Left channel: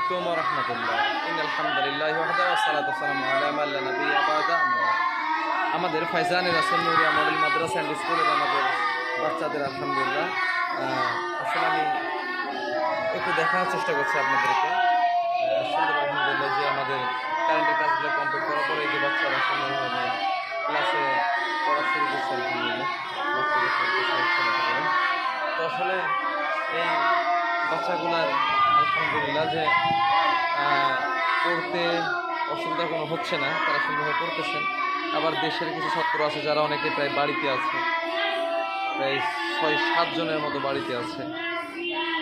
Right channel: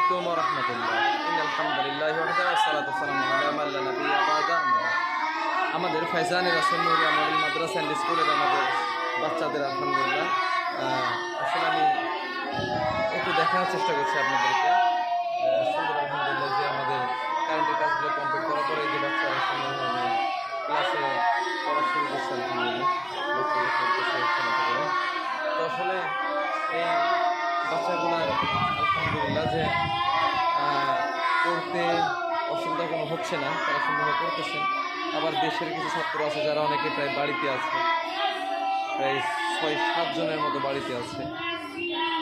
আলাইকুম ওয়া রাহমাতুল্লাহ। ইন্নাল হামদুলিল্লাহি ওয়াহদাহু ওয়াসসালাতু ওয়াসসালামু আলা মান লা নাবিয়্যা বা'দা। আমাদের ফাইজানে রাসূল নুরিয়া মডেল মাদ্রাসা এন্ড স্কুলের আমাদের বাচ্চাদের আলহামদুলিল্লাহ আসলে আমি একটু দেখানোর চেষ্টা করছি আপনাদেরকে। সুন্দর আলহামদুলিল্লাহ যে আমাদের কারেন্টের কাজগুলো কমপ্লিট করার পরে এই যে বাচ্চারা সুন্দরভাবে ক্লাসে পড়া শুরু করছে আলহামদুলিল্লাহ। তো আসলে এই বাচ্চাগুলার আলহামদুলিল্লাহ যে পড়তে অসুবিধা কোনো হচ্ছে না, তারা সুন্দরভাবে পড়তেছেন। আবার দেশের কিছু ছাত্র আছে যারা অনেকে প্রায় বাড়িতে আছে, প্রায় 6-7 জনের মতো বাড়িতে আছে।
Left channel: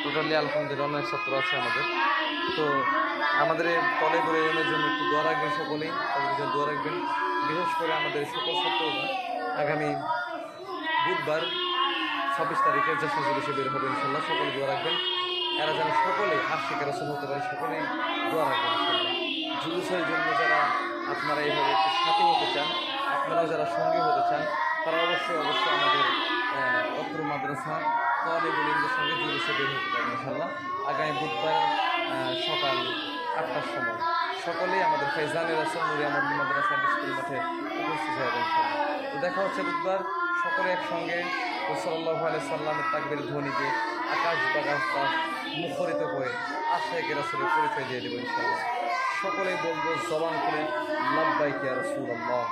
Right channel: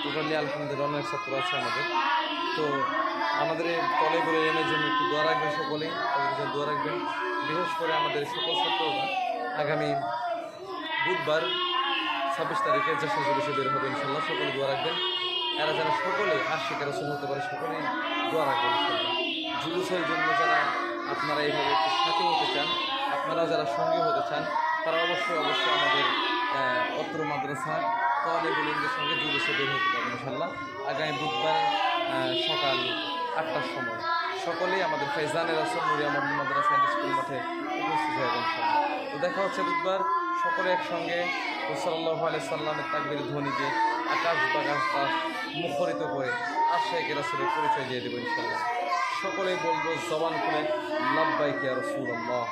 টোটালি আলহামদুলিল্লাহ অনেক ছাত্র আছে আমাদের। তো আমাদের তলে ধরে এনের জন্য একটু দোয়া রাখবেন, সকলেই তাদের জন্য দোয়া রাখবেন। বিশেষ করে আমাদের সকল ছাত্ররা আগামী বুধবার 26 তারিখে জাসা জুলুসে বের হবে ইনশাল্লাহ। সকলে দোয়া রাখবেন, এরা যেন সকলে আশিক রাসূল হতে পারে, সকলেই দোয়া রাখবেন ইনশাল্লাহ। জুলুসের জন্য যারা আপনারা এইভাবে একটু সাথী হতে চান, আপনারাও যারা সঙ্গী হতে চান, তারা অবশ্যই আমাদের অত্র মাদ্রাসা তালেবুল ইলমের সঙ্গে জুলুসে বের হতে পারবেন ইনশাল্লাহ। আগামী বুধবার সকাল 8টার সময় সকলেই আমাদের Faizane Rasool Nooria model Madrasa and school মাঠে উপস্থিত হবেন ইনশাল্লাহ। তো দেখা হচ্ছে বুধবার, সকলে একসঙ্গে সাল্লাল্লাহু আলাইহি সাল্লামের তাকবীর ধ্বনিতে আকাশ বাতাস মুখরিত করে আশিক রাসূলের পরিচয় দিয়ে দেব ইনশাল্লাহ। সকলেই বলবো জবান খুলে লাব্বাইক ইয়া রাসূলুল্লাহ।